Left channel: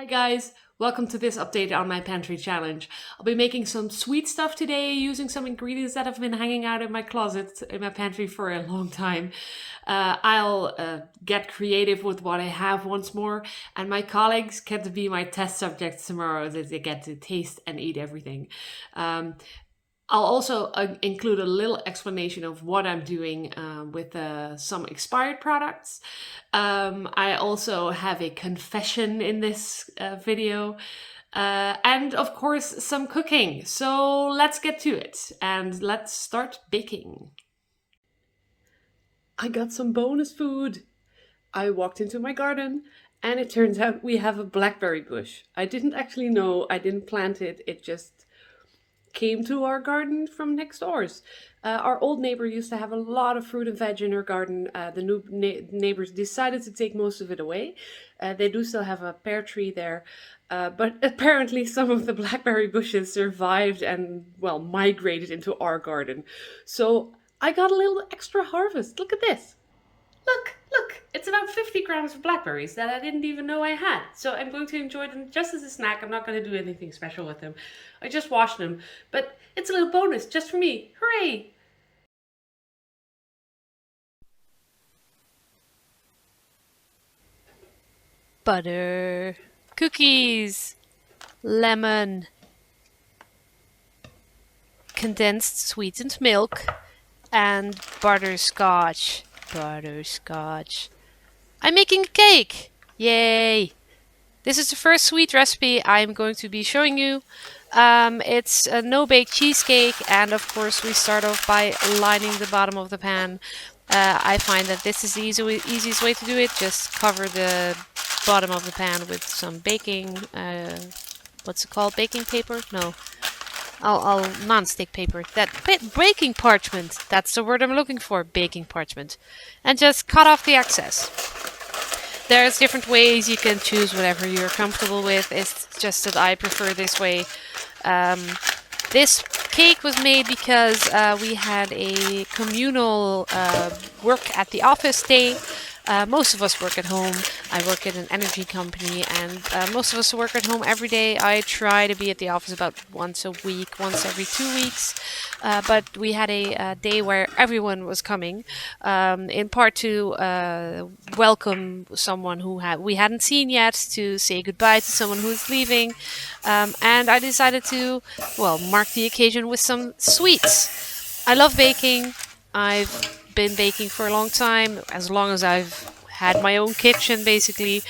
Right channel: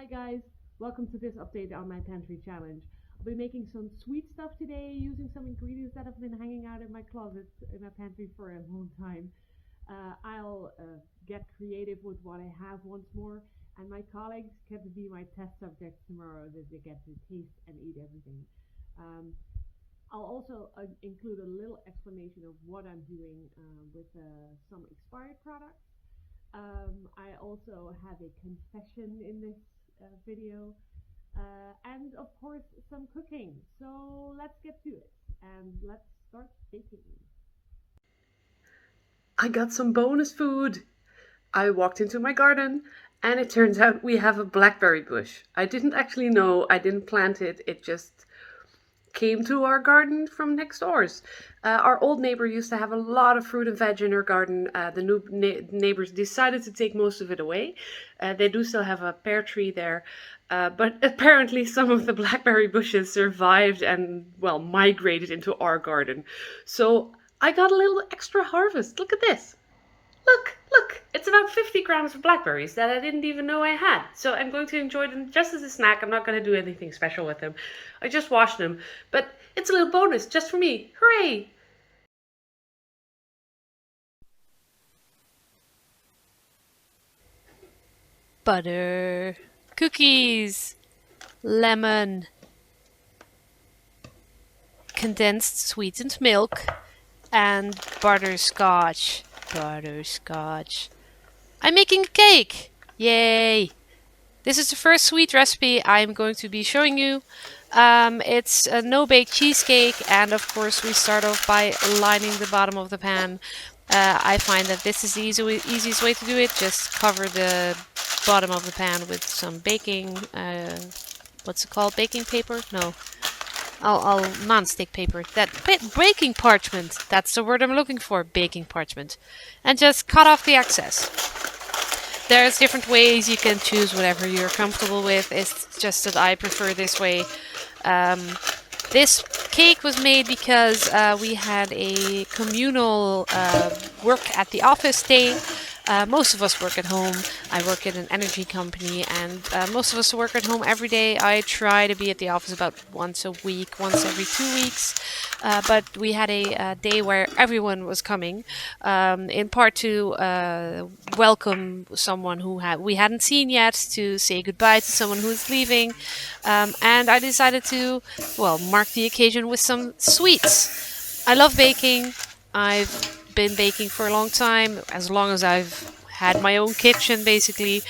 Hi guys, welcome to this update on my pantry challenge. I'll be making some sweet stuff today using some ingredients that have been hanging out in my closet, in my pantry for a long time. I'll get creative with what I have once more, and my colleagues get to be my test subjects tomorrow as they get to taste and eat everything. Um, I'll also include a little explanation of what I'm doing with some expired products. I also have a confession in this video. And of course, some cooking. So let's get to it and let's start baking. I got some bonus food. I walked into my garden and it turns out we have a blackberry bush. I didn't actually know, I didn't plant it, it just came to our garden from next doors. Our old neighbor used to have a lot of fruit and veg in her garden. The new neighbors decided to take most of it away. They do still have a pear tree there, but apparently some of the blackberry bushes survived and, well, migrated into our garden. So I got a little extra harvest. Look at this. Look, it's about 50 grams of blackberries that I didn't even know I had. So I'm going to enjoy them just as a snack. I'm not going to do anything special with them. I just washed them, but it's a little bonus just for me. Hooray! Butter, cookies, lemon, condensed sweetened milk, and butterscotch. Butterscotch. I'm making a cake! Yay! This is the first sweet recipe I'm going to be showing you. It's a no-bake cheesecake, and of course we start off by lining the bottom of the pan. I find that this is the easiest way to do it. Just cover the bottom of the pan with some baking, what's it called? Baking paper? No. I'll non-stick paper. Baking parchment. That's the word I'm looking for. Baking parchment. And just cut off the excess. There's different ways. You can choose whatever you're comfortable with. It's just that I prefer this way. This cake was made because we had a communal work at the office day. Most of us work at home. I work at an energy company, and most of us work at home every day. I try to be at the office about once a week, once every 2 weeks. But we had a day where everyone was coming, in part to welcome someone who we hadn't seen yet, to say goodbye to someone who was leaving. And I decided to, well, mark the occasion with some sweets. I love baking. I've been baking for a long time, as long as I've had my own kitchen, basically.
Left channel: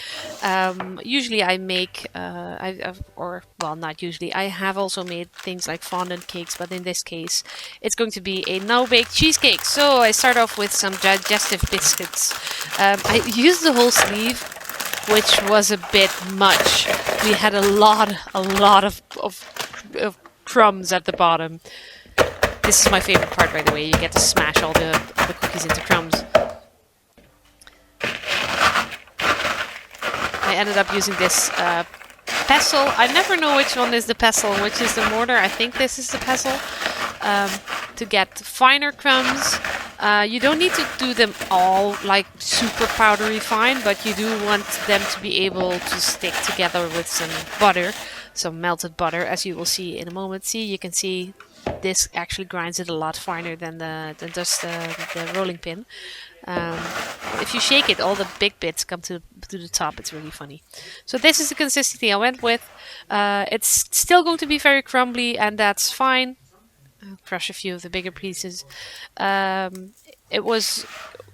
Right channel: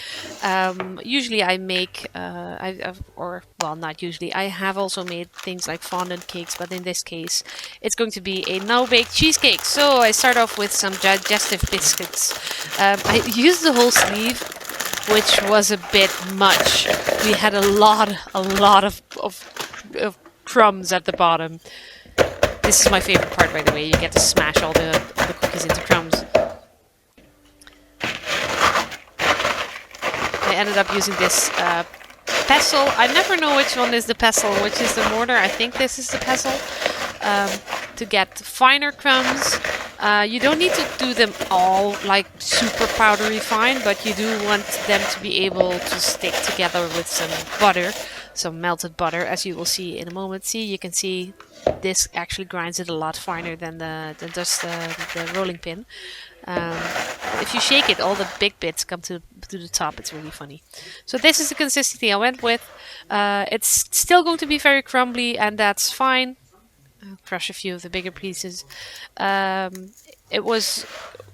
Usually I make, not usually, I have also made things like fondant cakes, but in this case it's going to be a no-bake cheesecake. So I start off with some digestive biscuits. I used the whole sleeve, which was a bit much. We had a lot of crumbs at the bottom. This is my favorite part, by the way. You get to smash all the cookies into crumbs. I ended up using this pestle. I never know which one is the pestle and which is the mortar. I think this is the pestle. To get finer crumbs. You don't need to do them all like super powdery fine, but you do want them to be able to stick together with some butter, some melted butter, as you will see in a moment. See, you can see this actually grinds it a lot finer than the rolling pin. If you shake it, all the big bits come to the top. It's really funny. So this is the consistency I went with. It's still going to be very crumbly, and that's fine. I'll crush a few of the bigger pieces. It was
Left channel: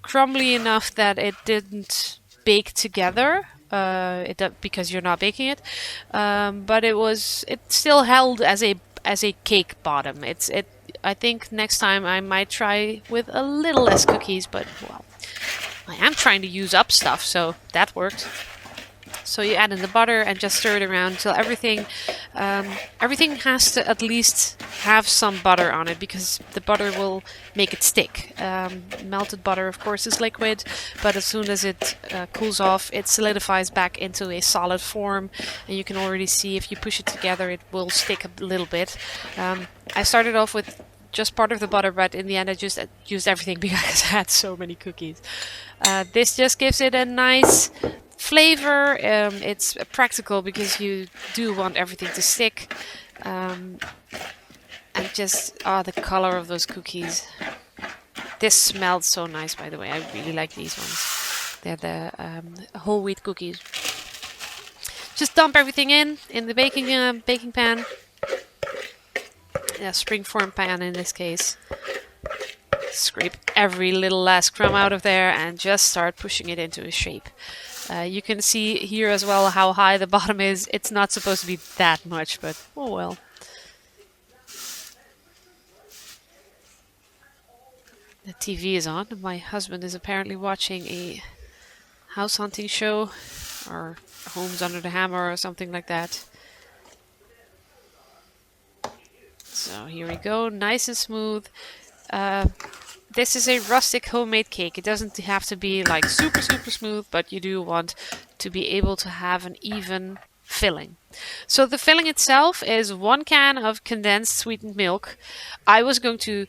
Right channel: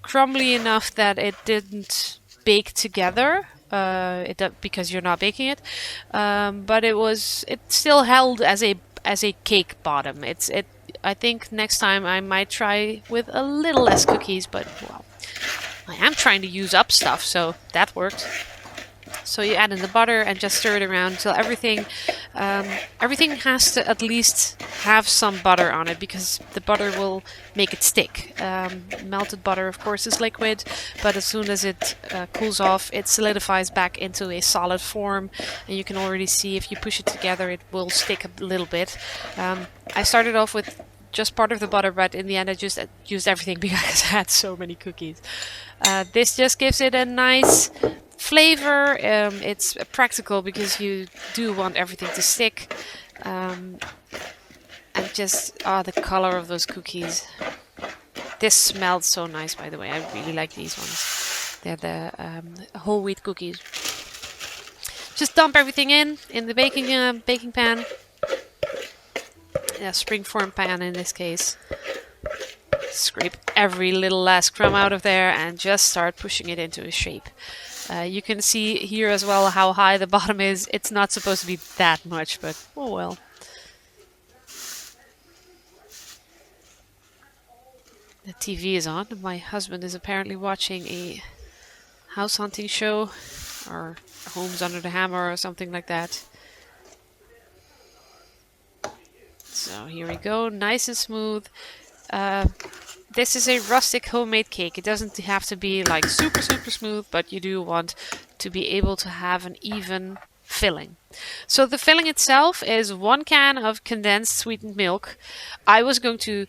crumbly enough that it didn't bake together. Because you're not baking it, but it still held as a cake bottom. I think next time I might try with a little less cookies, but well, I am trying to use up stuff, so that worked. So you add in the butter and just stir it around until everything has to at least have some butter on it, because the butter will make it stick. Melted butter, of course, is liquid, but as soon as it cools off, it solidifies back into a solid form, and you can already see if you push it together, it will stick a little bit. I started off with just part of the butter, but in the end I just used everything because I had so many cookies. This just gives it a nice flavor. It's practical because you do want everything to stick. And just the color of those cookies. This smelled so nice, by the way. I really like these ones. They're the whole wheat cookies. Just dump everything in the baking pan. Yeah, springform pan in this case. Scrape every little last crumb out of there and just start pushing it into a shape. You can see here as well how high the bottom is. It's not supposed to be that much, but oh well. The TV is on. My husband is apparently watching a house hunting show or Homes Under the Hammer or something like that. So here we go, nice and smooth. This is a rustic homemade cake. It doesn't have to be like super smooth, but you do want to be able to have an even filling. So the filling itself is 1 can of condensed sweetened milk. I was going to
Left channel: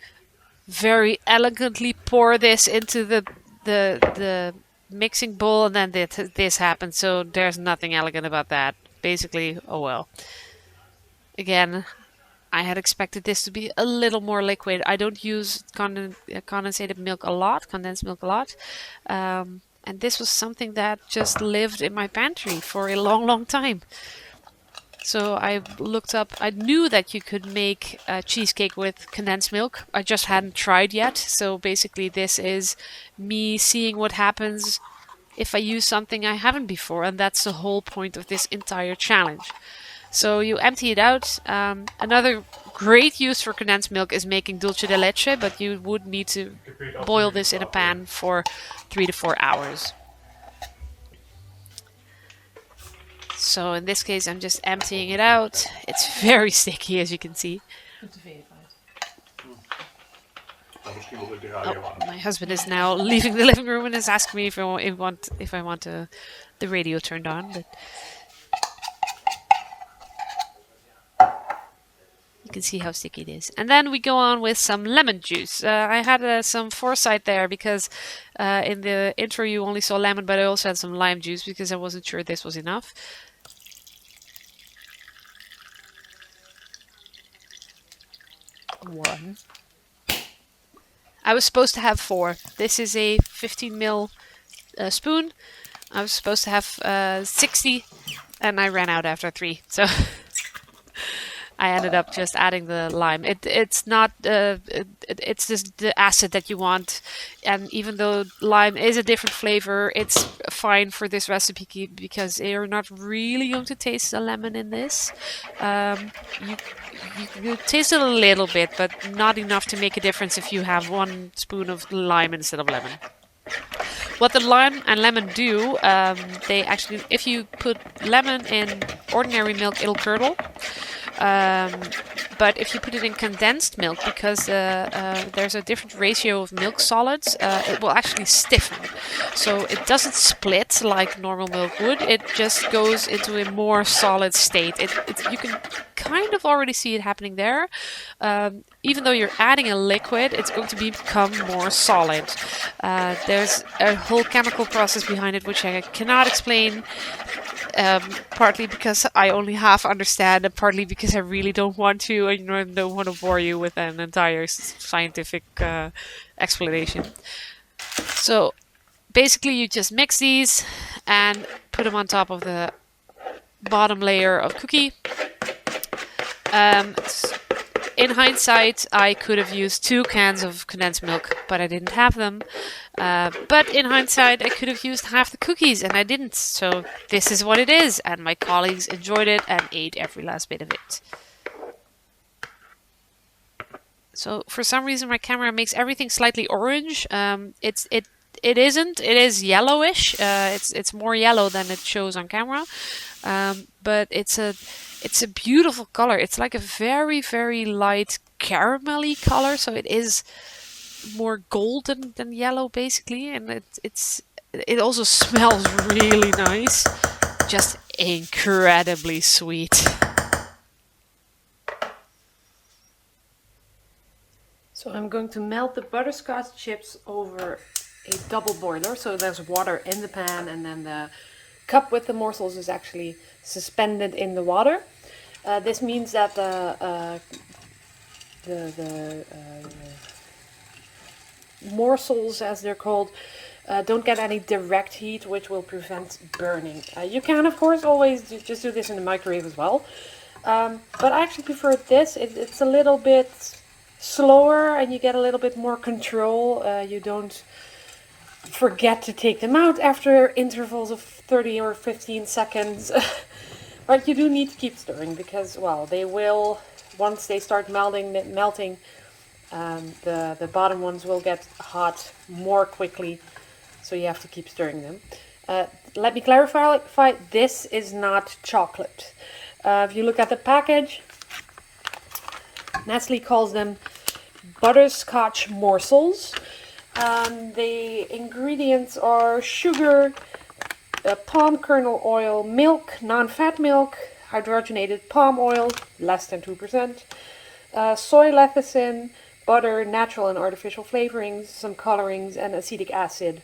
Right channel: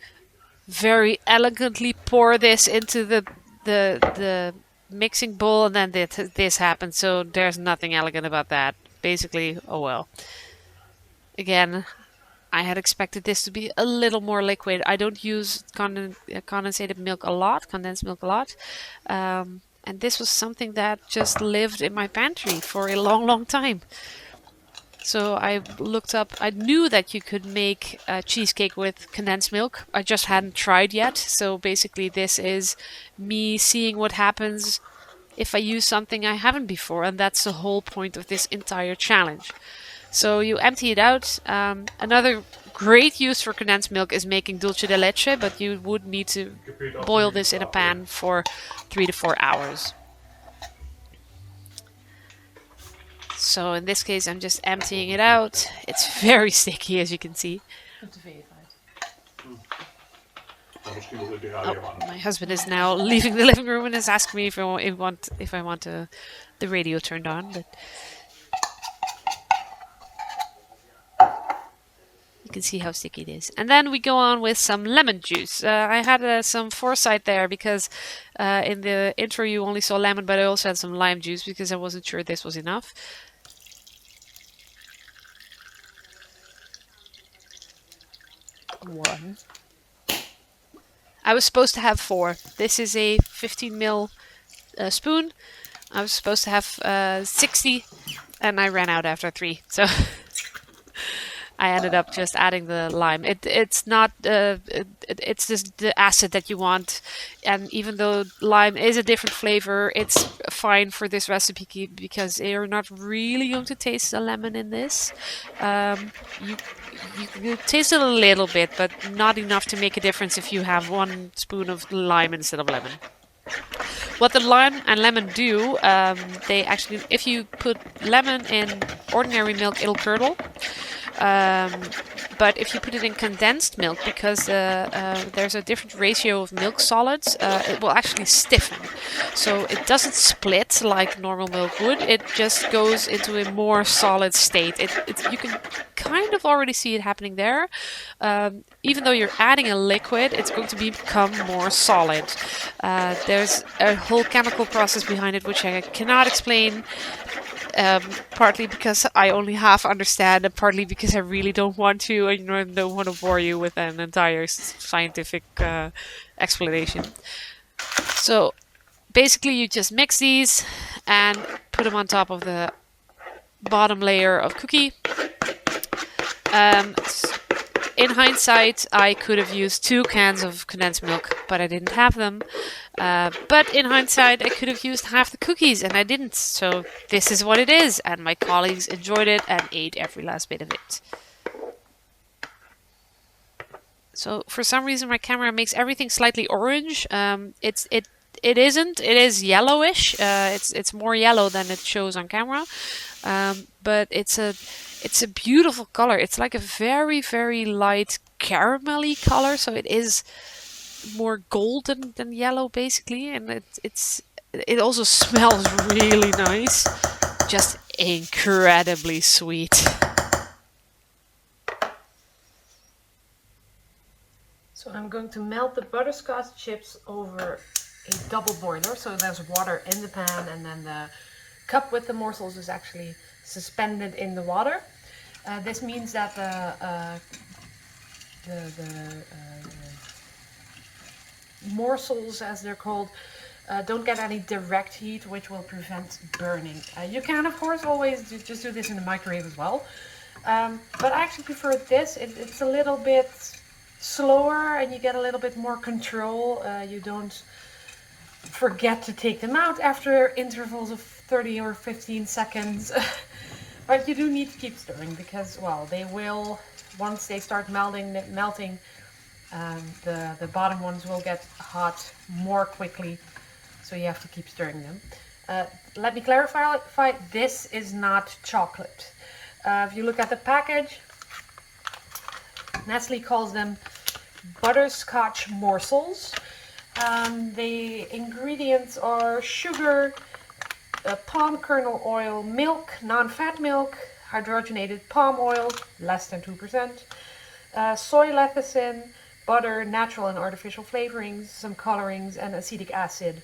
very elegantly pour this into the mixing bowl, and then this happened. So there's nothing elegant about that. Basically, oh well. Again, I had expected this to be a little more liquid. I don't use condensed milk a lot, and this was something that just lived in my pantry for a long time. So I looked up, I knew that you could make a cheesecake with condensed milk. I just hadn't tried yet. So basically this is me seeing what happens if I use something I haven't before. And that's the whole point of this entire challenge. So you empty it out. Another great use for condensed milk is making dulce de leche, but you would need to boil this in a pan for 3 to 4 hours. So in this case, I'm just emptying it out. It's very sticky, as you can see. Oh, my husband is now leaving the living room and is asking me if I want the radio turned on. But you can see how sticky it is. And then we go on with some lemon juice. I had some foresight there because in the intro you only saw lemon, but I also had some lime juice because I wasn't sure this was enough. One. I was supposed to have 4. This is a 15 ml spoon. I was supposed to have 60, and I ran out after 3. So I ended up just adding the lime. It's not it's just the acid that you want, and even though lime is a different flavor, it's fine for this recipe because you're not really going to taste the lemon in this. You taste it a little bit, but not enough to make a difference if you have 1 spoon of lime instead of lemon. What the lime and lemon do, they actually, if you put lemon in ordinary milk, it'll curdle. But if you put it in condensed milk, because there's a different ratio of milk solids, it will actually stiffen. So it doesn't split like normal milk would. It just goes into a more solid state. You can kind of already see it happening there. Even though you're adding a liquid, it's going to become more solid. There's a whole chemical process behind it, which I cannot explain. Partly because I only half understand, and partly because I really don't want to, and don't want to bore you with an entire scientific explanation. So basically you just mix these and put them on top of the bottom layer of cookie. In hindsight, I could have used 2 cans of condensed milk, but I didn't have them. But in hindsight, I could have used half the cookies, and I didn't. So this is what it is, and my colleagues enjoyed it and ate every last bit of it. So for some reason, my camera makes everything slightly orange. It isn't. It is yellowish. It's more yellow than it shows on camera. But it's a beautiful color. It's like a very light caramelly color, so it is more golden than yellow basically, and it also smells really nice. Just incredibly sweet. So I'm going to melt the butterscotch chips over a double boiler. So there's water in the pan, and then the cup with the morsels is actually suspended in the water. This means that the morsels, as they're called, don't get any direct heat, which will prevent burning. You can, of course, always just do this in the microwave as well. But I actually prefer this. It's a little bit slower and you get a little bit more control. You don't forget to take them out after intervals of 30 or 15 seconds. But you do need to keep stirring because, well, they will, once they start melting, the bottom ones will get hot more quickly. So you have to keep stirring them. Let me clarify, this is not chocolate. If you look at the package, Nestle calls them butterscotch morsels. The ingredients are sugar, palm kernel oil, milk, non-fat milk, hydrogenated palm oil, less than 2%, soy lecithin, butter, natural and artificial flavorings, some colorings, and acetic acid.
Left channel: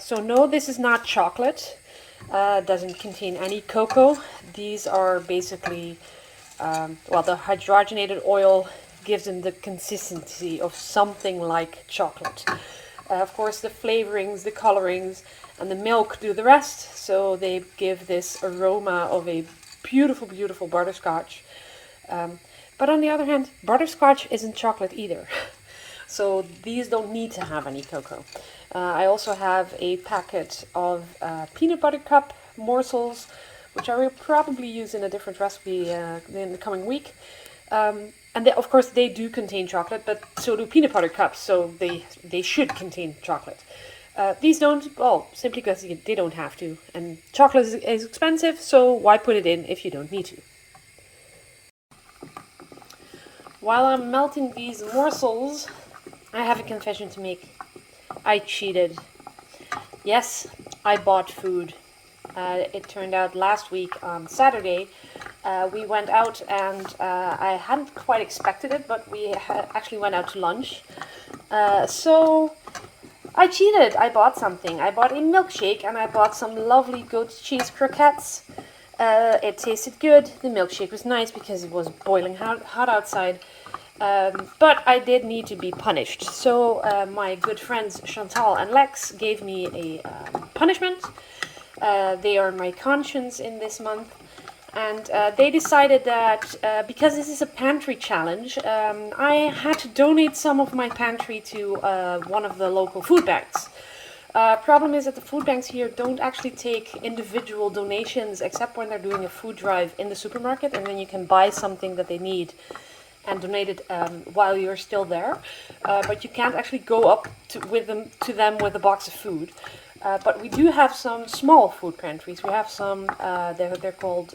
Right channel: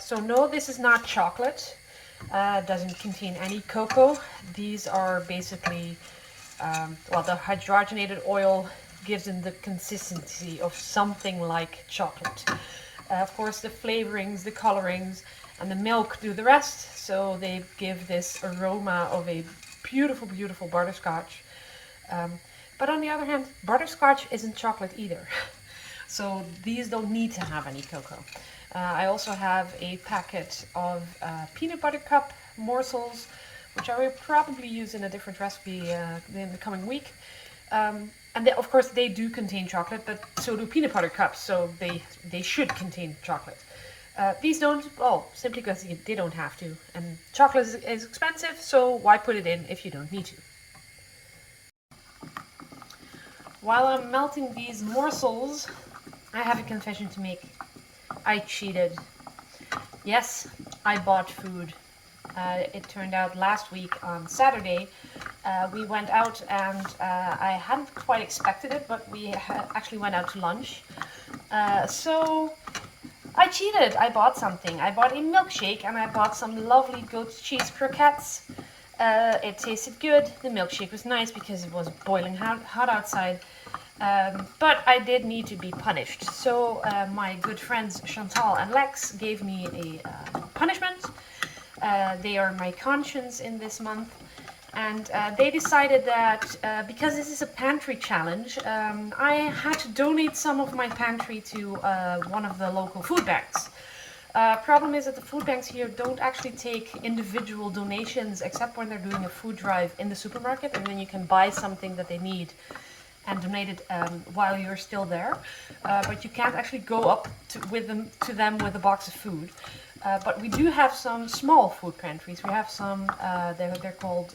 So no, this is not chocolate. Doesn't contain any cocoa. These are basically, well, the hydrogenated oil gives them the consistency of something like chocolate. Of course, the flavorings, the colorings, and the milk do the rest. So they give this aroma of a beautiful, beautiful butterscotch. But on the other hand, butterscotch isn't chocolate either. So these don't need to have any cocoa. I also have a packet of peanut butter cup morsels, which I will probably use in a different recipe in the coming week. And of course they do contain chocolate, but so do peanut butter cups, so they should contain chocolate. These don't, well, simply because they don't have to. And chocolate is expensive, so why put it in if you don't need to? While I'm melting these morsels, I have a confession to make. I cheated. Yes, I bought food. It turned out last week on Saturday, we went out and I hadn't quite expected it, but we actually went out to lunch. So I cheated. I bought something. I bought a milkshake and I bought some lovely goat's cheese croquettes. It tasted good. The milkshake was nice because it was boiling hot outside. But I did need to be punished. So my good friends Chantal and Lex gave me a punishment. They are my conscience in this month. And they decided that because this is a pantry challenge, I had to donate some of my pantry to one of the local food banks. Problem is that the food banks here don't actually take individual donations except when they're doing a food drive in the supermarket, and then you can buy something that they need and donate it while you're still there. But you can't actually go up to them with a box of food. But we do have some small food pantries. We have some, they're called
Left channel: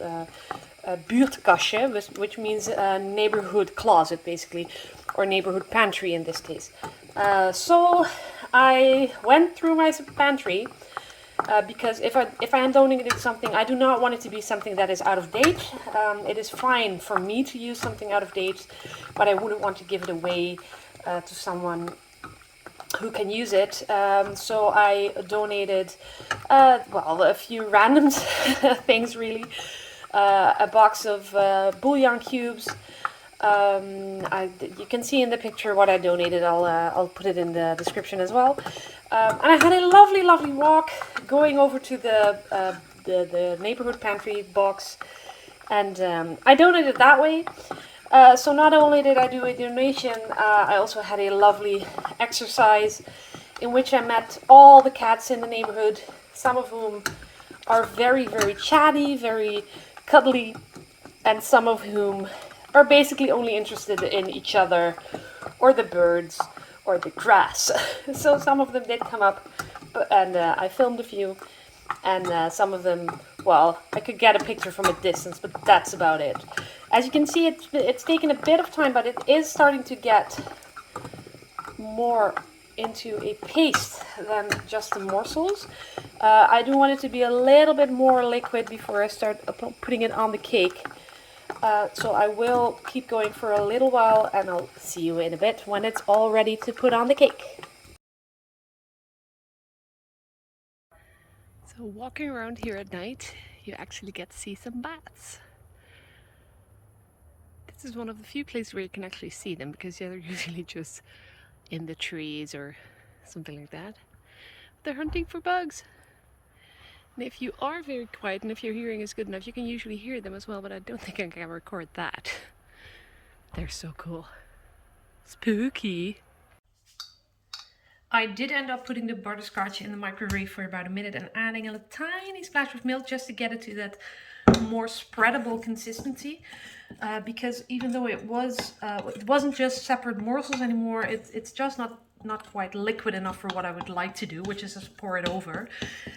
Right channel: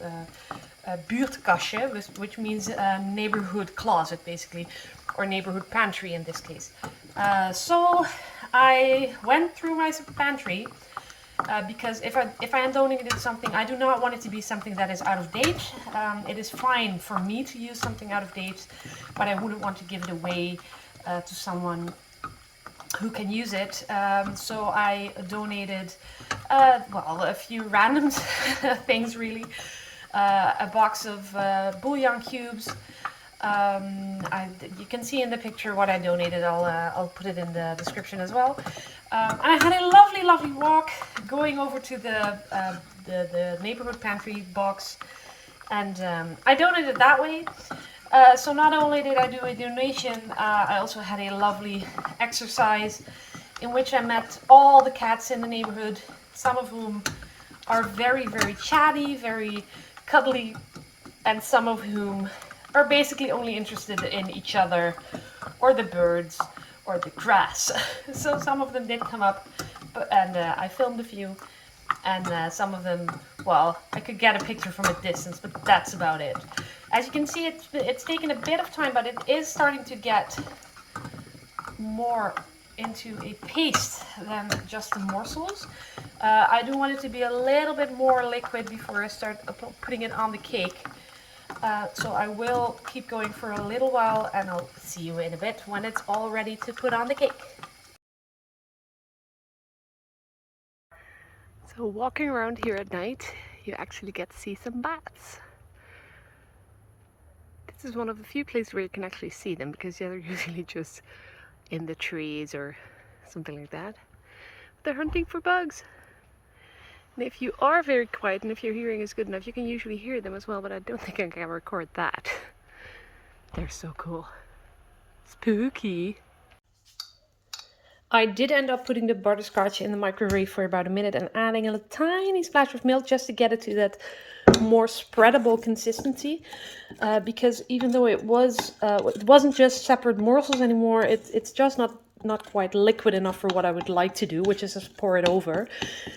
Buurtkastje, which means neighborhood closet, basically, or neighborhood pantry in this case. So I went through my pantry because if I am donating something, I do not want it to be something that is out of date. It is fine for me to use something out of date, but I wouldn't want to give it away to someone who can use it. So I donated, well, a few random things really. A box of bouillon cubes. You can see in the picture what I donated. I'll put it in the description as well. And I had a lovely, lovely walk going over to the neighborhood pantry box, and I donated that way. So not only did I do a donation, I also had a lovely exercise in which I met all the cats in the neighborhood, some of whom are very, very chatty, very cuddly, and some of whom are basically only interested in each other or the birds or the grass. So some of them did come up, and I filmed a few, and some of them, well, I could get a picture from a distance, but that's about it. As you can see, it's taken a bit of time, but it is starting to get more into a paste than just the morsels. I do want it to be a little bit more liquid before I start putting it on the cake. So I will keep going for a little while, and I'll see you in a bit when it's all ready to put on the cake. So So walking around here at night, you actually get to see some bats. This is one of the few places where you can actually see them, because they're usually just in the trees or something like that. They're hunting for bugs. And if you are very quiet and if your hearing is good enough, you can usually hear them as well, but I don't think I can record that. They're so cool. Spooky. I did end up putting the butterscotch in the microwave for about a minute and adding a tiny splash of milk just to get it to that more spreadable consistency, because even though it wasn't just separate morsels anymore, it's just not quite liquid enough for what I would like to do, which is just pour it over.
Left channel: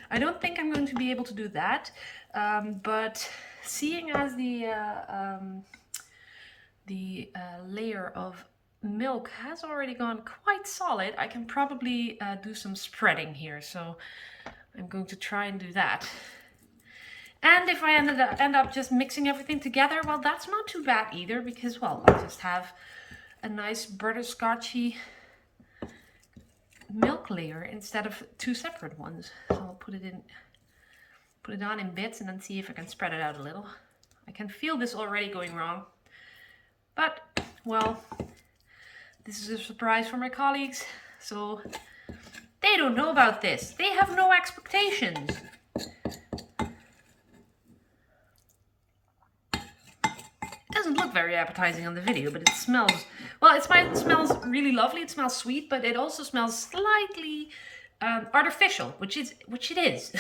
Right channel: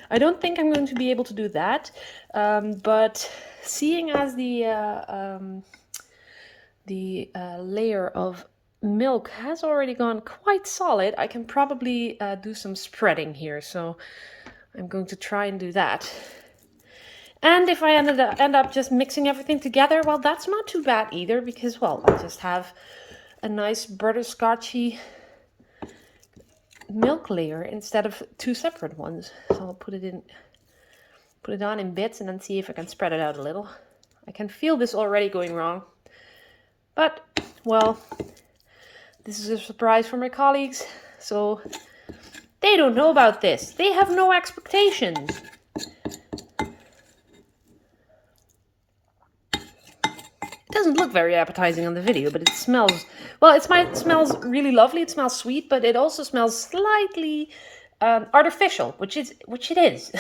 I don't think I'm going to be able to do that, but seeing as the layer of milk has already gone quite solid, I can probably do some spreading here, so I'm going to try and do that. And if I end up just mixing everything together, well, that's not too bad either, because, well, I'll just have a nice butterscotchy milk layer instead of two separate ones. So I'll put it on in bits and then see if I can spread it out a little. I can feel this already going wrong, but, well, this is a surprise for my colleagues, so they don't know about this. They have no expectations. It doesn't look very appetizing on the video, but it smells, well, it smells really lovely. It smells sweet, but it also smells slightly artificial, which it is.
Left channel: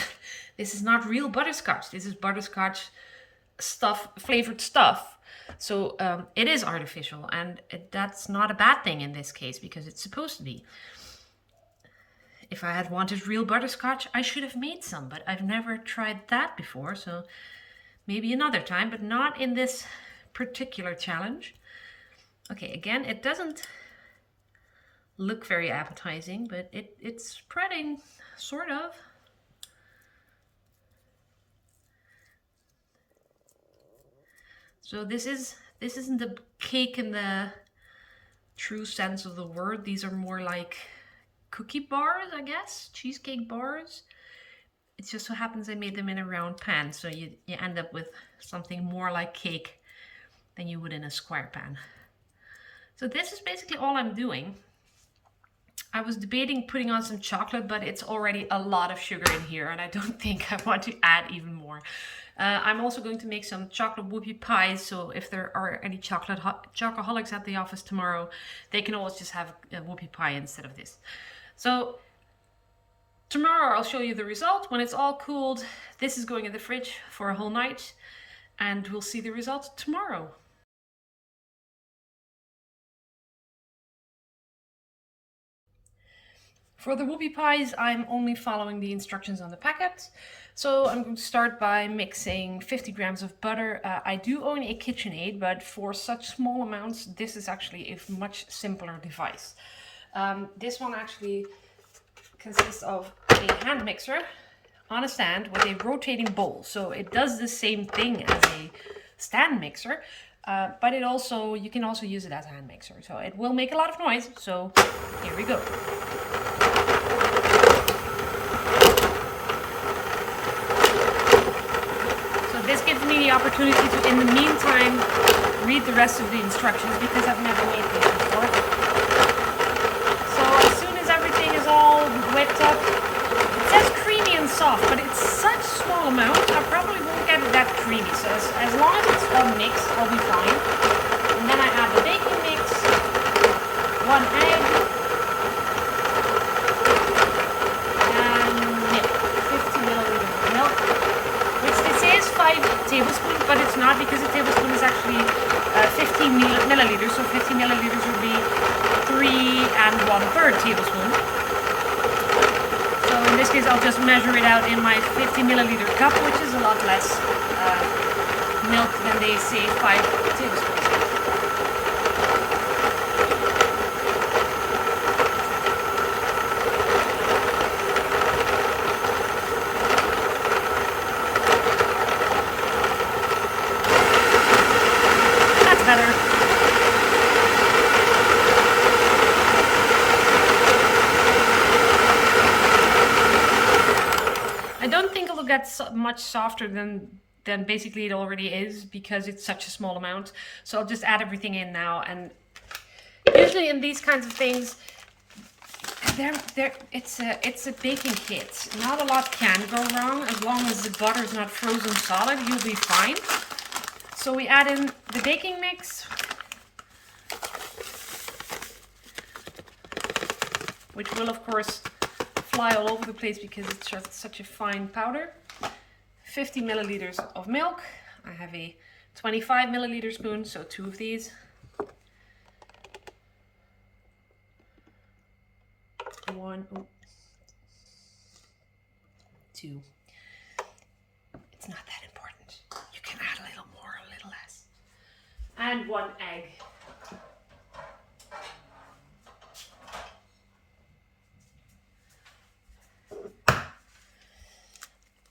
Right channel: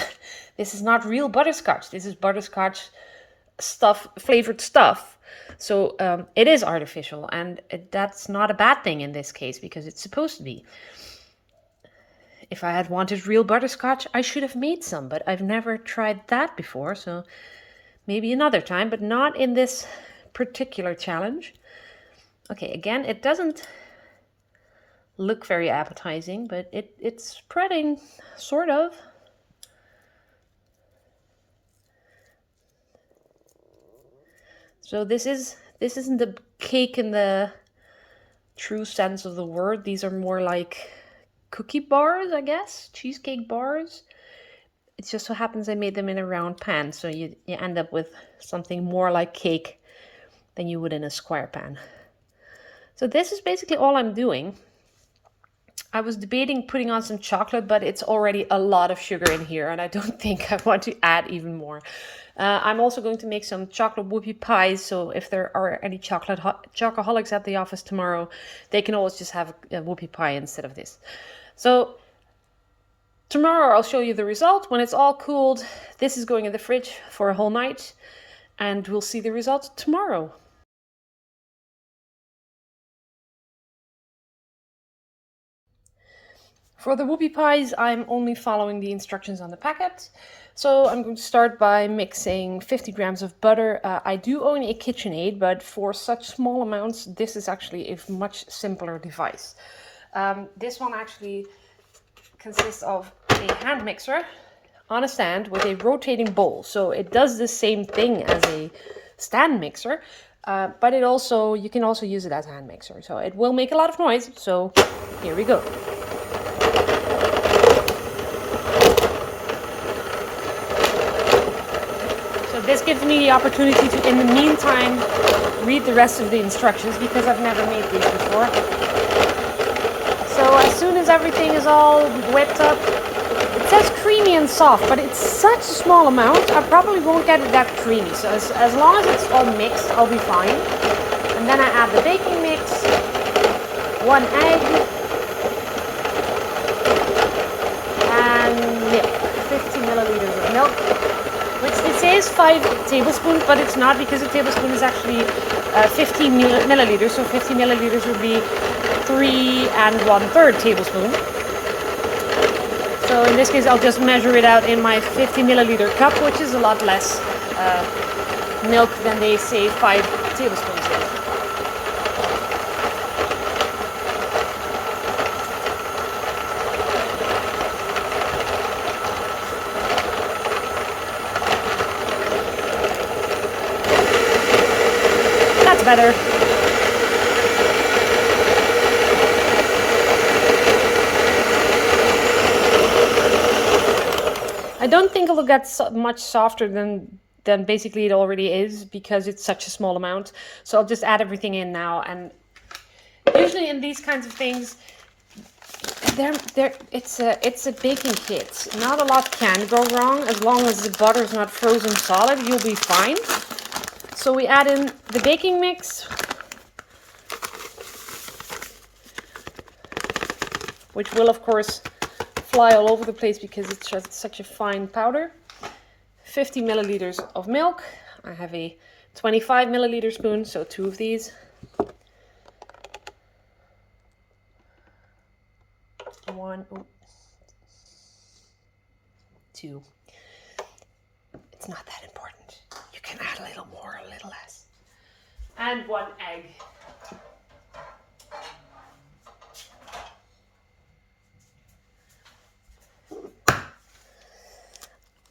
This is not real butterscotch. This is butterscotch flavored stuff. So it is artificial, and that's not a bad thing in this case, because it's supposed to be. If I had wanted real butterscotch, I should have made some, but I've never tried that before, so maybe another time, but not in this particular challenge. Okay, again, it doesn't look very appetizing, but it's spreading, sort of. So this isn't the cake in the true sense of the word. These are more like cookie bars, I guess, cheesecake bars. It just so happens I made them in a round pan, so you end up with something more like cake than you would in a square pan. So this is basically all I'm doing. I was debating putting on some chocolate, but it's already a lot of sugar in here, and I don't think I want to add even more. I'm also going to make some chocolate whoopie pies, so if there are any chocoholics at the office tomorrow, they can always just have a whoopie pie instead of this. So tomorrow I'll show you the result. When it's all cooled, this is going in the fridge for a whole night, and we'll see the results tomorrow. For the whoopie pies, I'm only following the instructions on the packet. So I'm going to start by mixing 50 grams of butter. I do own a KitchenAid, but for such small amounts, this is actually a much simpler device. This one actually consists of a hand mixer on a stand with a rotating bowl. So it does the same thing as a stand mixer, but you can also use it as a hand mixer. So it will make a lot of noise. So here we go. This gives me the opportunity to, in the meantime, read the rest of the instructions, because I've never made these before. So as soon as everything is all whipped up, it says creamy and soft, but it's such a small amount, I probably won't get it that creamy. So as long as it's all mixed, I'll be fine. And then I add the baking mix, 1 egg, and 50 milliliters of milk. It says 5 tablespoons, but it's not, because a tablespoon is actually 15 milliliters, so 50 milliliters would be 3 1/3 tablespoon. So in this case, I'll just measure it out in my 50 milliliter cup, which is a lot less milk than they say 5 tablespoons. Better. I don't think it'll get much softer than basically it already is, because it's such a small amount. So I'll just add everything in now. And usually in these kinds of things, it's a baking kit. Not a lot can go wrong. As long as the butter is not frozen solid, you'll be fine. So we add in the baking mix, which will of course fly all over the place because it's just such a fine powder. 50 milliliters of milk. I have a 25 milliliter spoon, so 2 of these. 1, 2. It's not that important. You can add a little more, a little less. And 1 egg.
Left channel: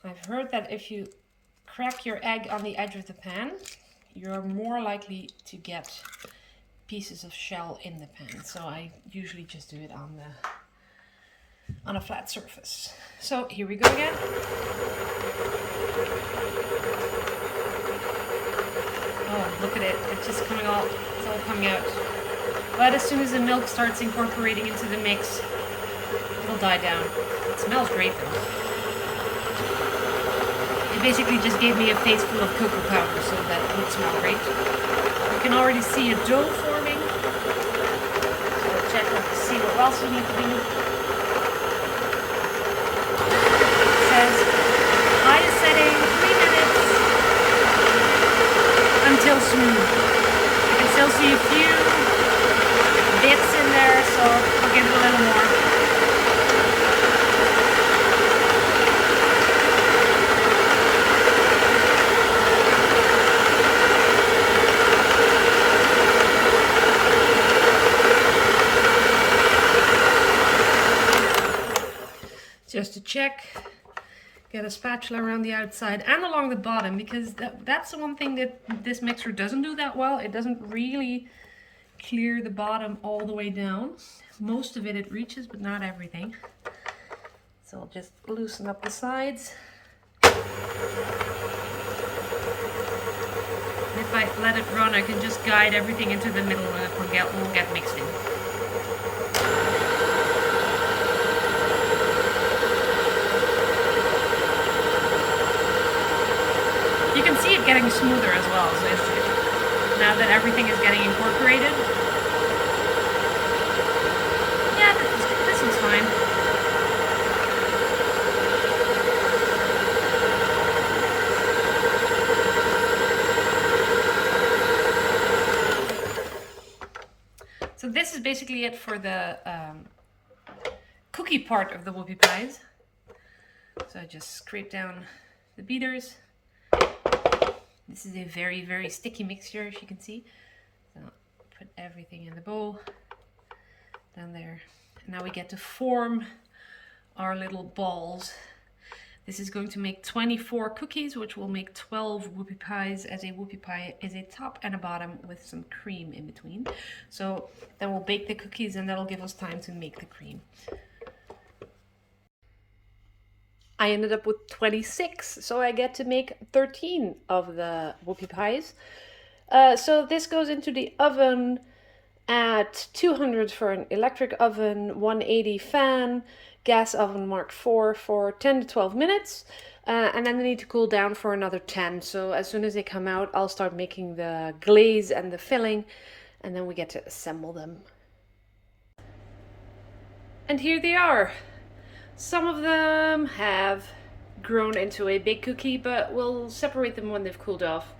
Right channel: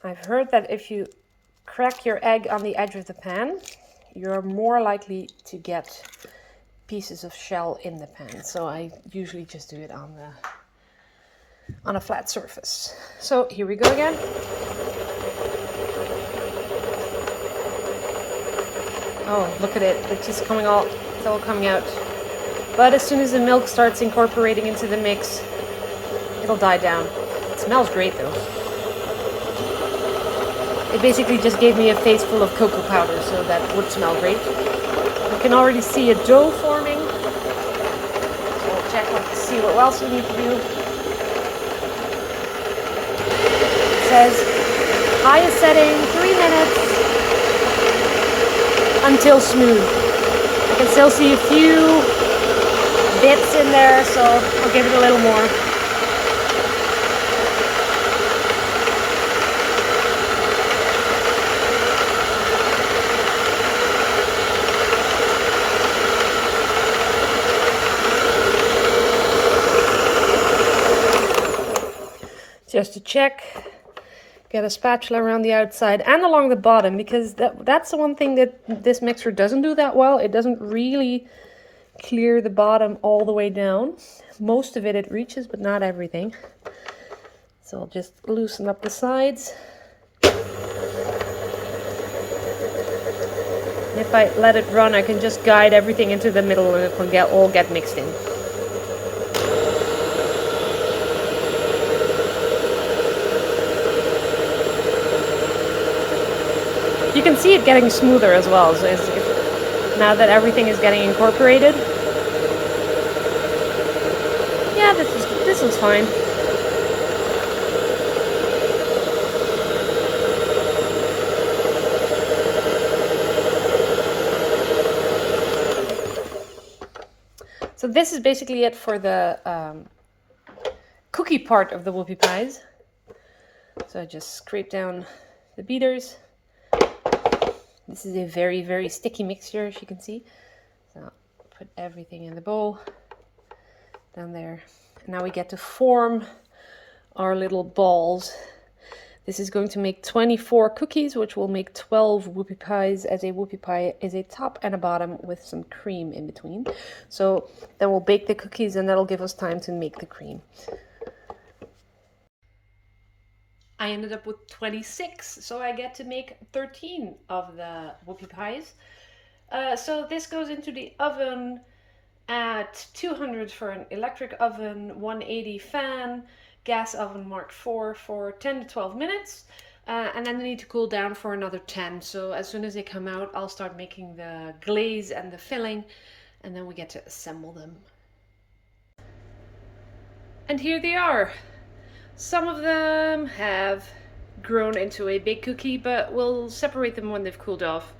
I've heard that if you crack your egg on the edge of the pan, you're more likely to get pieces of shell in the pan. So I usually just do it on a flat surface. So here we go again. Oh, look at it. It's just coming all, it's all coming out. But as soon as the milk starts incorporating into the mix, it'll die down. It smells great though. It basically just gave me a face full of cocoa powder, so that would smell great. You can already see a dough forming. So I'll check to see what else we need to do. It says highest setting, 3 minutes until smooth. You can still see a few bits in there, so I'll give it a little more. Just to check, get a spatula around the outside and along the bottom, because that's the one thing that this mixer doesn't do that well. It doesn't really clear the bottom all the way down. Most of it reaches, but not everything. So I'll just loosen up the sides. And if I let it run, I can just guide everything into the middle and it will all get mixed in. You can see it getting smoother as well, so now that everything is getting incorporated. Yeah, this is fine. So this is basically it for the cookie part of the whoopie pies. So I just scrape down the beaters. This is a very, very sticky mixture, as you can see. So put everything in the bowl down there. And now we get to form our little balls. This is going to make 24 cookies, which will make 12 whoopie pies, as a whoopie pie is a top and a bottom with some cream in between. So then we'll bake the cookies and that'll give us time to make the cream. I ended up with 26, so I get to make 13 of the whoopie pies. So this goes into the oven at 200 for an electric oven, 180 fan, gas oven Mark IV for 10 to 12 minutes. And then they need to cool down for another 10. So as soon as they come out, I'll start making the glaze and the filling, and then we get to assemble them. And here they are. Some of them have grown into a big cookie, but we'll separate them when they've cooled off.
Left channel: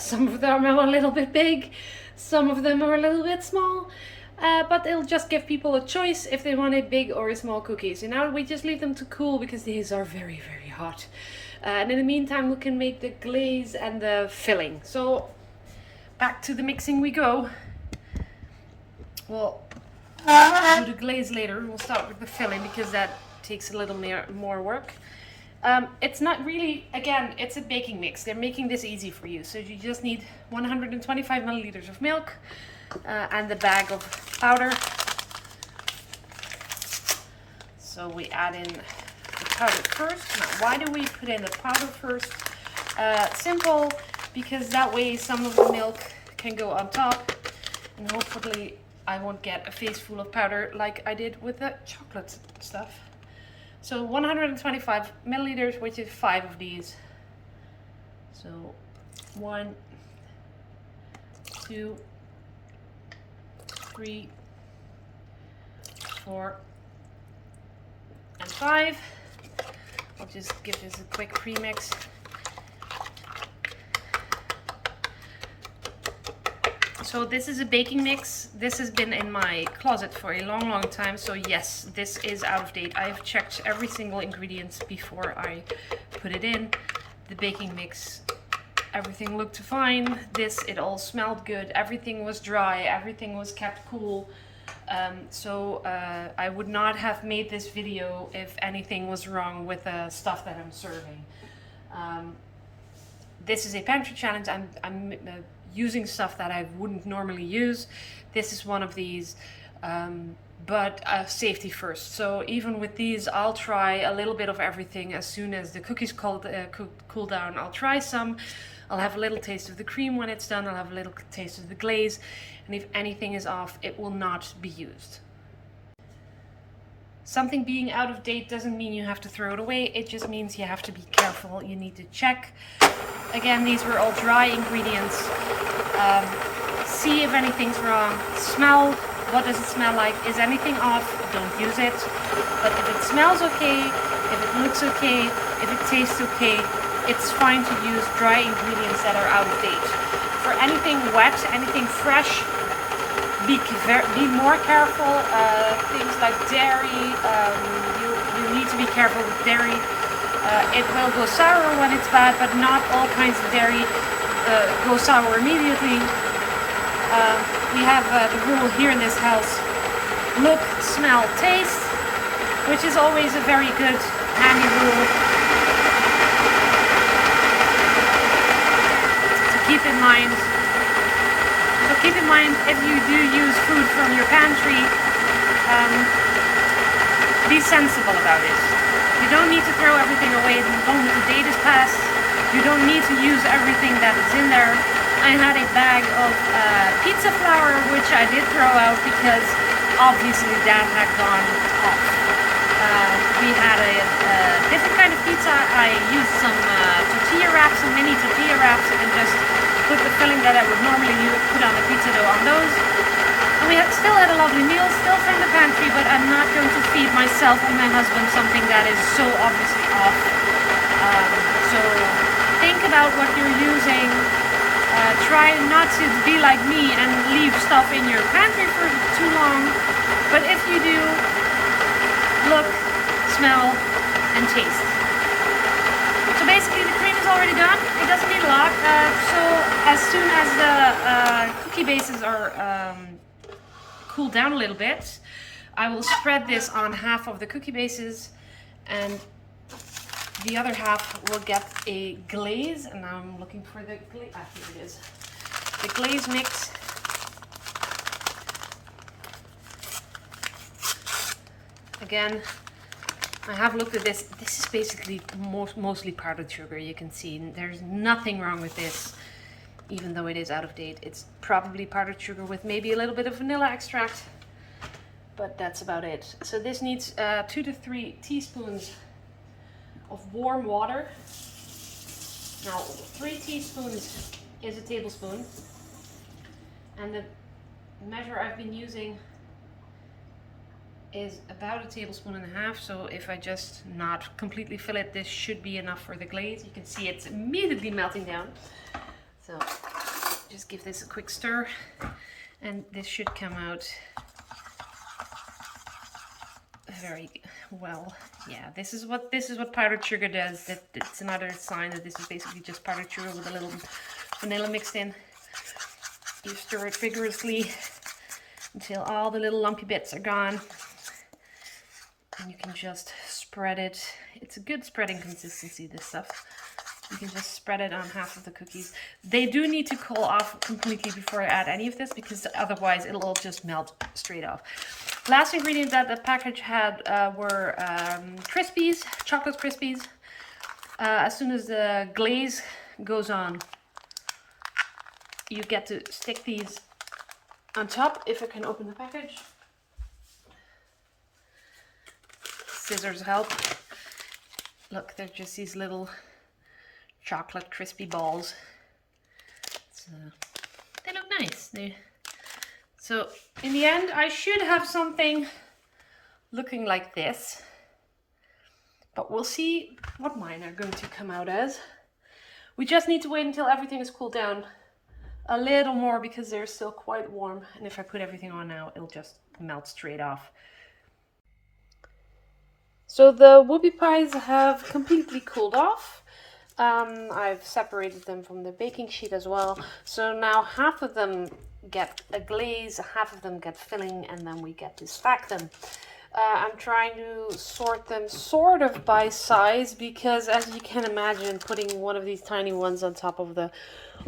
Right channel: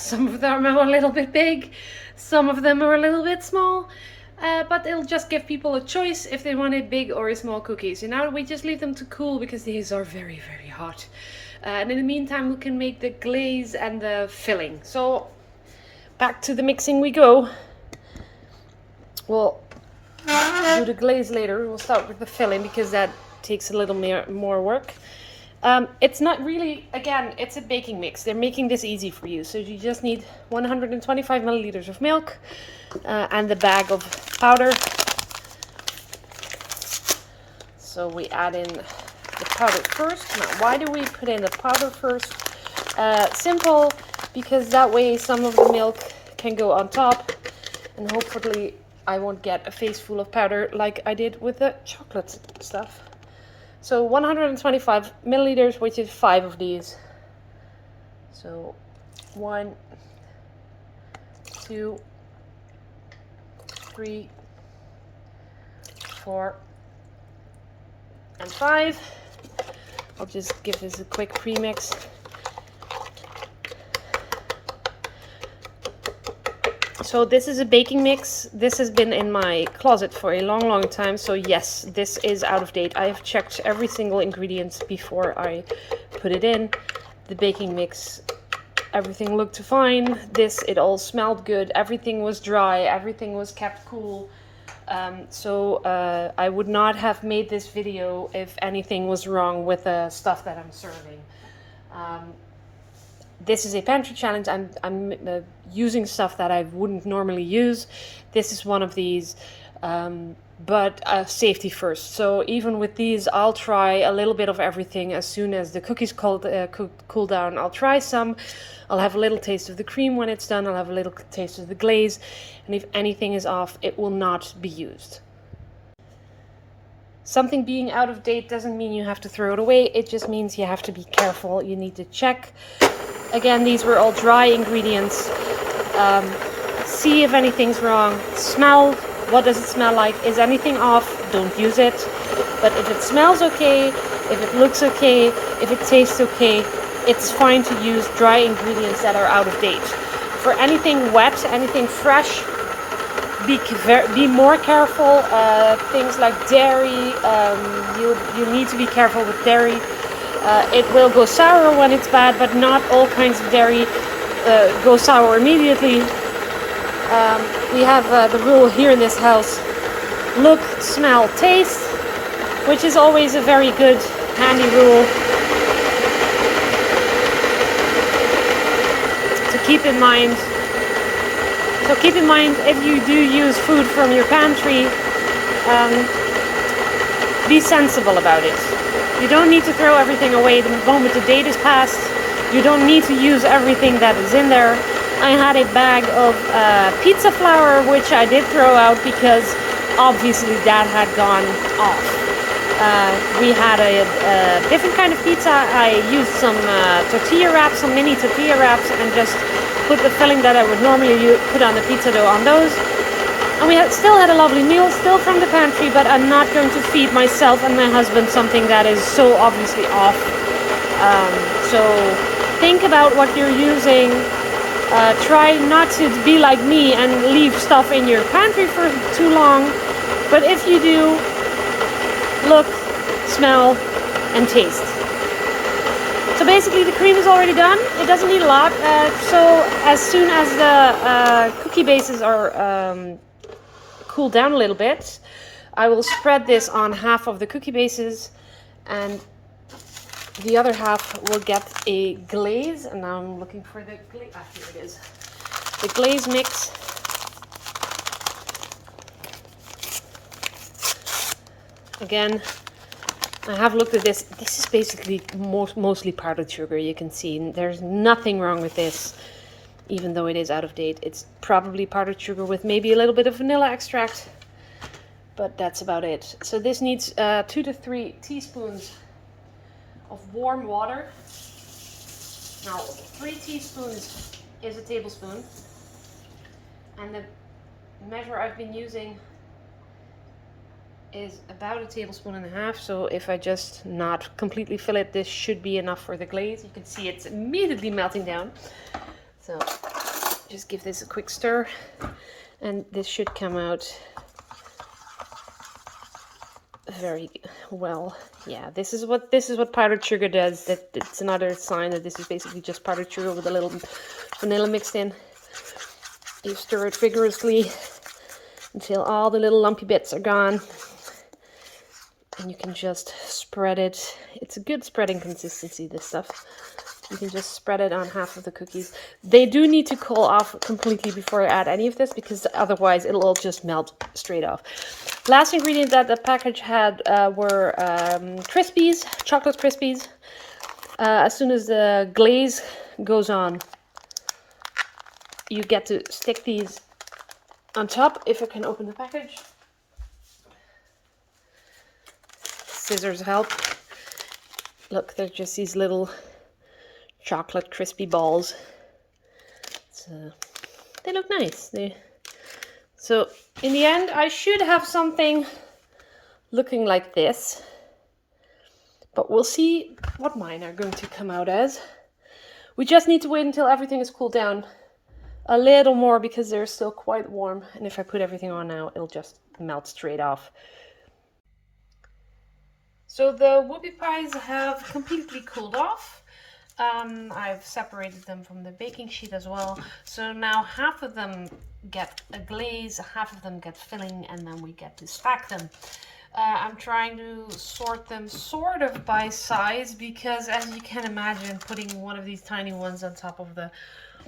Some of them are a little bit big, some of them are a little bit small, but it'll just give people a choice if they want a big or a small cookie. So now we just leave them to cool because these are very, very hot. And in the meantime, we can make the glaze and the filling. So back to the mixing we go. We'll do the glaze later. We'll start with the filling because that takes a little more work. It's not really, again, it's a baking mix. They're making this easy for you. So you just need 125 milliliters of milk and the bag of powder. So we add in the powder first. Now, why do we put in the powder first? Simple, because that way some of the milk can go on top, and hopefully I won't get a face full of powder like I did with the chocolate stuff. So 125 milliliters, which is 5 of these. So 1, 2, 3, 4, and 5. I'll just give this a quick pre-mix. So this is a baking mix. This has been in my closet for a long time. So yes, this is out of date. I've checked every single ingredient before I put it in. The baking mix, everything looked fine. It all smelled good. Everything was dry. Everything was kept cool. I would not have made this video if anything was wrong with the stuff that I'm serving. This is a pantry challenge. I'm using stuff that I wouldn't normally use. This is one of these, but safety first. So even with these, I'll try a little bit of everything. As soon as the cookies cool down, I'll try some. I'll have a little taste of the cream when it's done. I'll have a little taste of the glaze. And if anything is off, it will not be used. Something being out of date doesn't mean you have to throw it away. It just means you have to be careful. You need to check. Again, these were all dry ingredients. See if anything's wrong. Smell. What does it smell like? Is anything off? Don't use it. But if it smells okay, if it looks okay, if it tastes okay, it's fine to use dry ingredients that are out of date. For anything wet, anything fresh, be more careful. Things like dairy, you need to be careful with dairy. It will go sour when it's bad, but not all kinds of dairy go sour immediately. We have the rule here in this house: look, smell, taste, which is always a very good, handy rule to keep in mind. So keep in mind, if you do use food from your pantry, be sensible about it. You don't need to throw everything away the moment the date is passed. You don't need to use everything that is in there. I had a bag of pizza flour, which I did throw out because obviously that had gone off. We had a different kind of pizza. I used some tortilla wraps, some mini tortilla wraps, and just put the filling that I would normally put on the pizza dough on those. And we still had a lovely meal, still from the pantry, but I'm not going to feed myself and my husband something that is so obviously off. So think about what you're using. Try not to be like me and leave stuff in your pantry for too long. But if you do, look, smell, and taste. So basically the cream is already done. It doesn't need a lot. So as soon as the cookie bases are cooled down a little bit, I will spread this on half of the cookie bases, and the other half will get a glaze. And now I'm looking for the glaze. Ah, here it is. The glaze mix. Again, I have looked at this. This is basically mostly powdered sugar. You can see there's nothing wrong with this, even though it is out of date. It's probably powdered sugar with maybe a little bit of vanilla extract, but that's about it. So this needs 2 to 3 teaspoons of warm water. Now 3 teaspoons is a tablespoon, and the measure I've been using is about 1.5 tablespoons. So if I just not completely fill it, this should be enough for the glaze. You can see it's immediately melting down. So just give this a quick stir, and this should come out very well. Yeah, this is what powdered sugar does. That it's another sign that this is basically just powdered sugar with a little vanilla mixed in. You stir it vigorously until all the little lumpy bits are gone, and you can just spread it. It's a good spreading consistency, this stuff. You can just spread it on half of the cookies. They do need to cool off completely before I add any of this, because otherwise it'll all just melt straight off. Last ingredient that the package had were Crispies, chocolate Crispies. As soon as the glaze goes on, you get to stick these on top. If I can open the package. Scissors help. Look, they're just these little chocolate crispy balls. So they look nice. So in the end, I should have something looking like this. But we'll see what mine are going to come out as. We just need to wait until everything is cooled down a little more because they're still quite warm. And if I put everything on now, it'll just melt straight off. So the whoopie pies have completely cooled off. I've separated them from the baking sheet as well. So now half of them get a glaze, half of them get filling, and then we get to stack them. I'm trying to sort them sort of by size because, as you can imagine, putting one of these tiny ones on top of the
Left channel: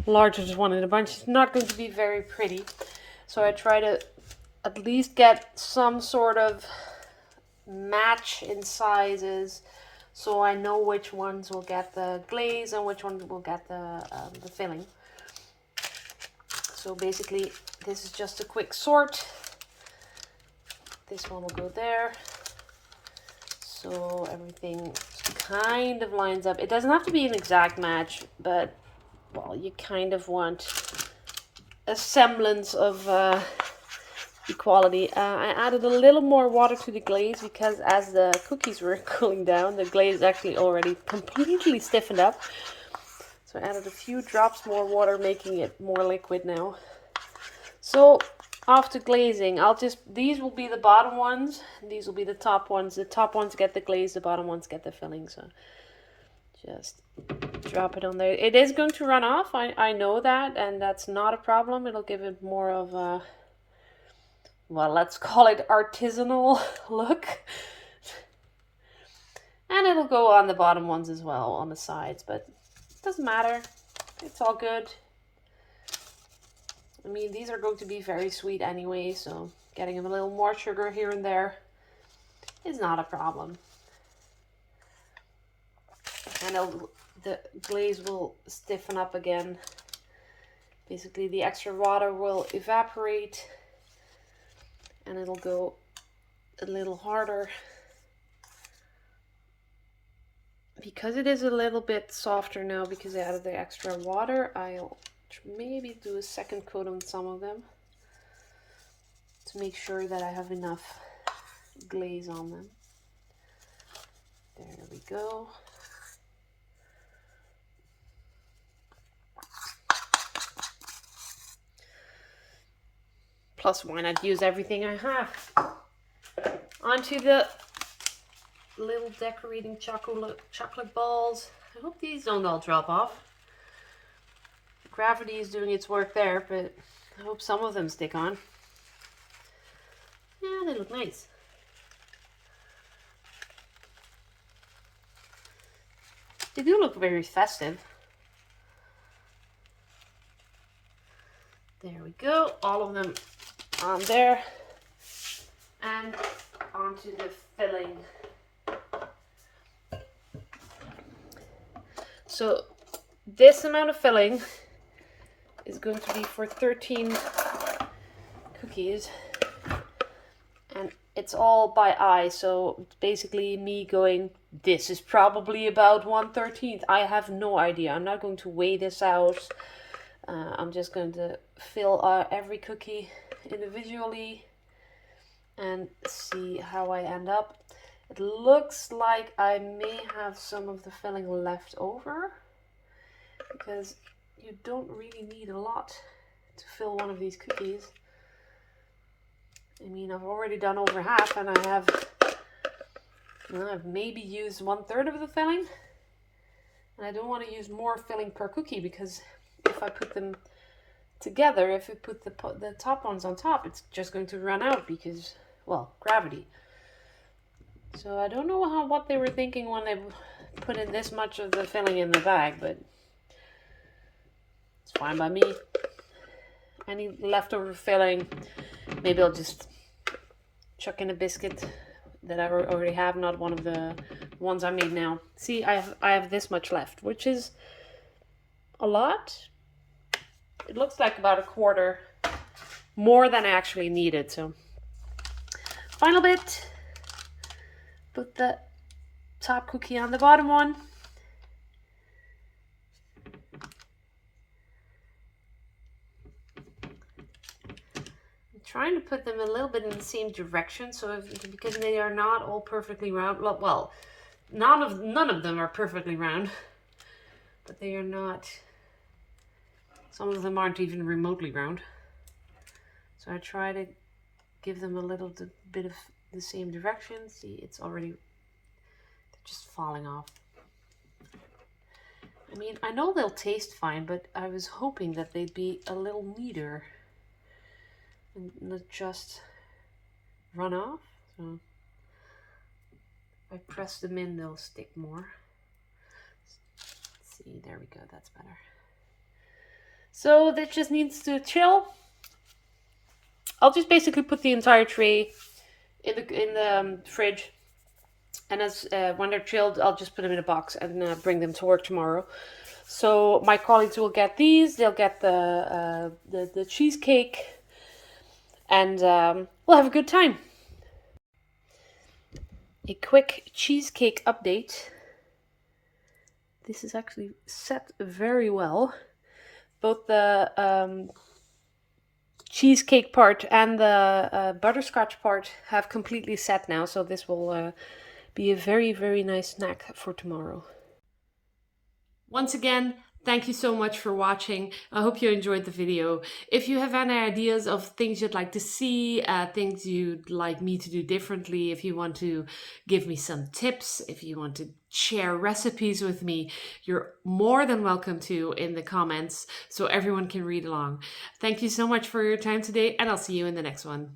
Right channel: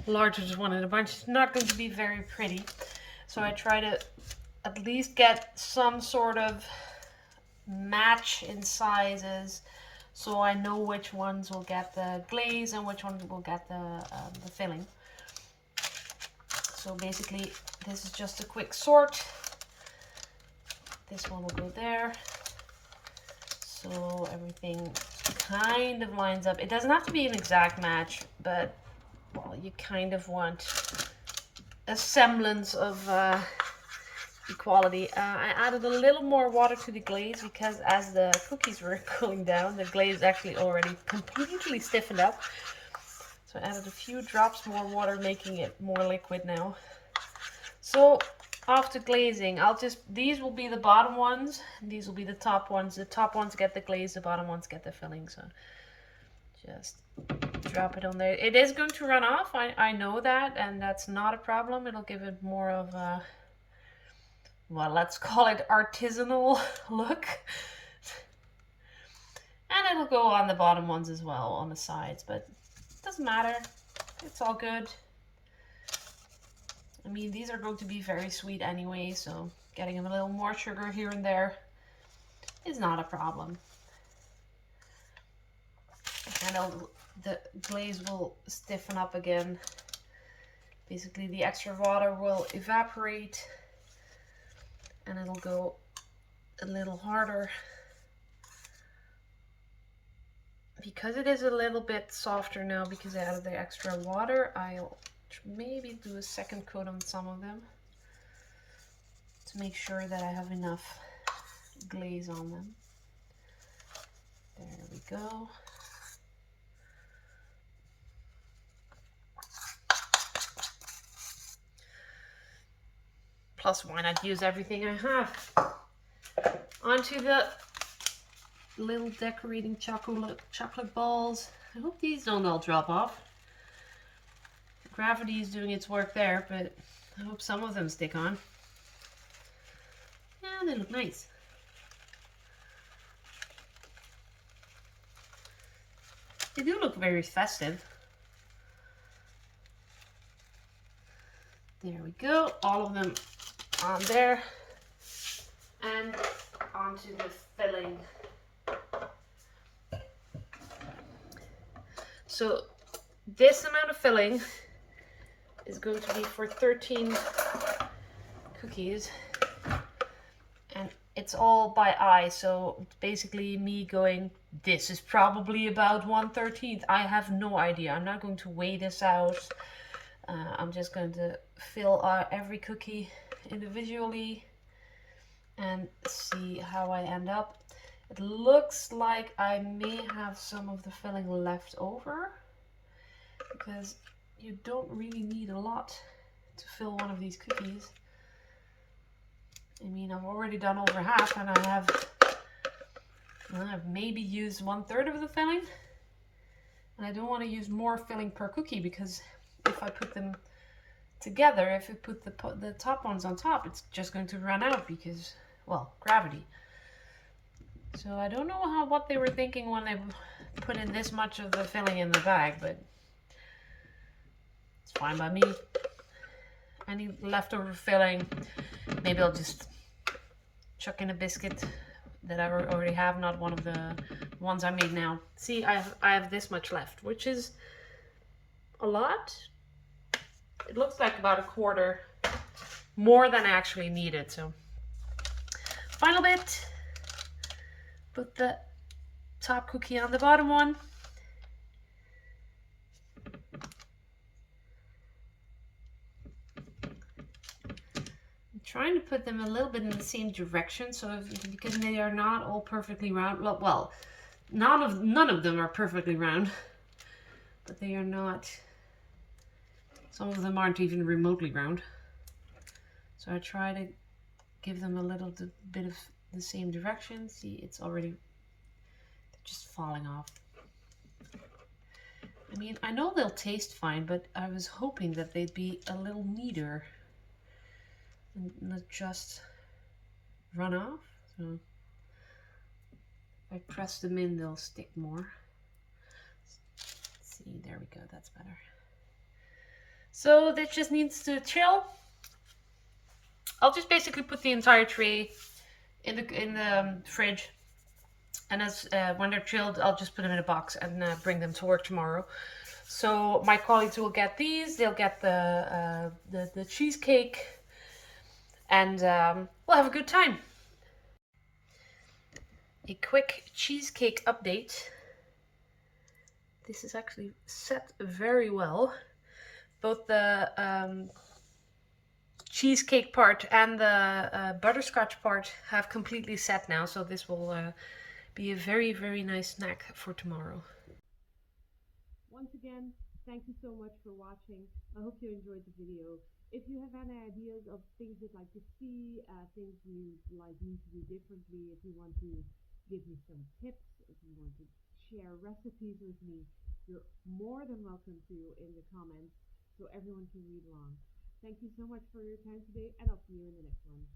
largest one in a bunch is not going to be very pretty. So I try to at least get some sort of match in sizes, so I know which ones will get the glaze and which ones will get the filling. So basically, this is just a quick sort. This one will go there. So everything kind of lines up. It doesn't have to be an exact match, but well, you kind of want a semblance of equality. I added a little more water to the glaze because as the cookies were cooling down, the glaze actually already completely stiffened up. So I added a few drops more water, making it more liquid now. So after glazing, these will be the bottom ones, and these will be the top ones. The top ones get the glaze, the bottom ones get the filling. So just drop it on there. It is going to run off, I know that, and that's not a problem. It'll give it more of a, well, let's call it artisanal look. And it'll go on the bottom ones as well, on the sides, but it doesn't matter. It's all good. I mean, these are going to be very sweet anyway, so getting them a little more sugar here and there is not a problem. And the glaze will stiffen up again. Basically, the extra water will evaporate and it'll go a little harder. Because it is a little bit softer now because I added the extra water, I'll maybe do a second coat on some of them to make sure that I have enough glaze on them. There we go. Plus, why not use everything I have? Onto the little decorating chocolate balls. I hope these don't all drop off. Gravity is doing its work there, but I hope some of them stick on. Yeah, they look nice. They do look very festive. There we go, all of them on there. And onto the filling. So this amount of filling is going to be for 13 cookies, and it's all by eye, so it's basically me going, this is probably about 1/13. I have no idea. I'm not going to weigh this out. I'm just going to fill every cookie individually and see how I end up. It looks like I may have some of the filling left over, because you don't really need a lot to fill one of these cookies. I mean, I've already done over half, and I've maybe used 1/3 of the filling. And I don't want to use more filling per cookie, because if I put them together, if I put the top ones on top, it's just going to run out because, well, gravity. So I don't know what they were thinking when they put in this much of the filling in the bag, but it's fine by me. Any leftover filling, maybe I'll just chuck in a biscuit that I already have, not one of the ones I made now. See, I have this much left, which is a lot. It looks like about a quarter more than I actually needed. So final bit, put the top cookie on the bottom one. I'm trying to put them a little bit in the same direction, so because they are not all perfectly round. Well, none of them are perfectly round, but they are not. Some of them aren't even remotely round. So I try to give them a little bit of the same direction. See, it's already just falling off. I mean, I know they'll taste fine, but I was hoping that they'd be a little neater and not just run off. So if I press them in, they'll stick more. Let's see, there we go, that's better. So that just needs to chill. I'll just basically put the entire tray in the fridge, and as when they're chilled, I'll just put them in a box and bring them to work tomorrow. So my colleagues will get these. They'll get the cheesecake, and we'll have a good time. A quick cheesecake update. This is actually set very well. Both the cheesecake part and the butterscotch part have completely set now, so this will be a very, very nice snack for tomorrow. Once again, thank you so much for watching. I hope you enjoyed the video. If you have any ideas of things you'd like to see, things you'd like me to do differently, if you want to give me some tips, if you want to share recipes with me, you're more than welcome to in the comments so everyone can read along. Thank you so much for your time today, and I'll see you in the next one.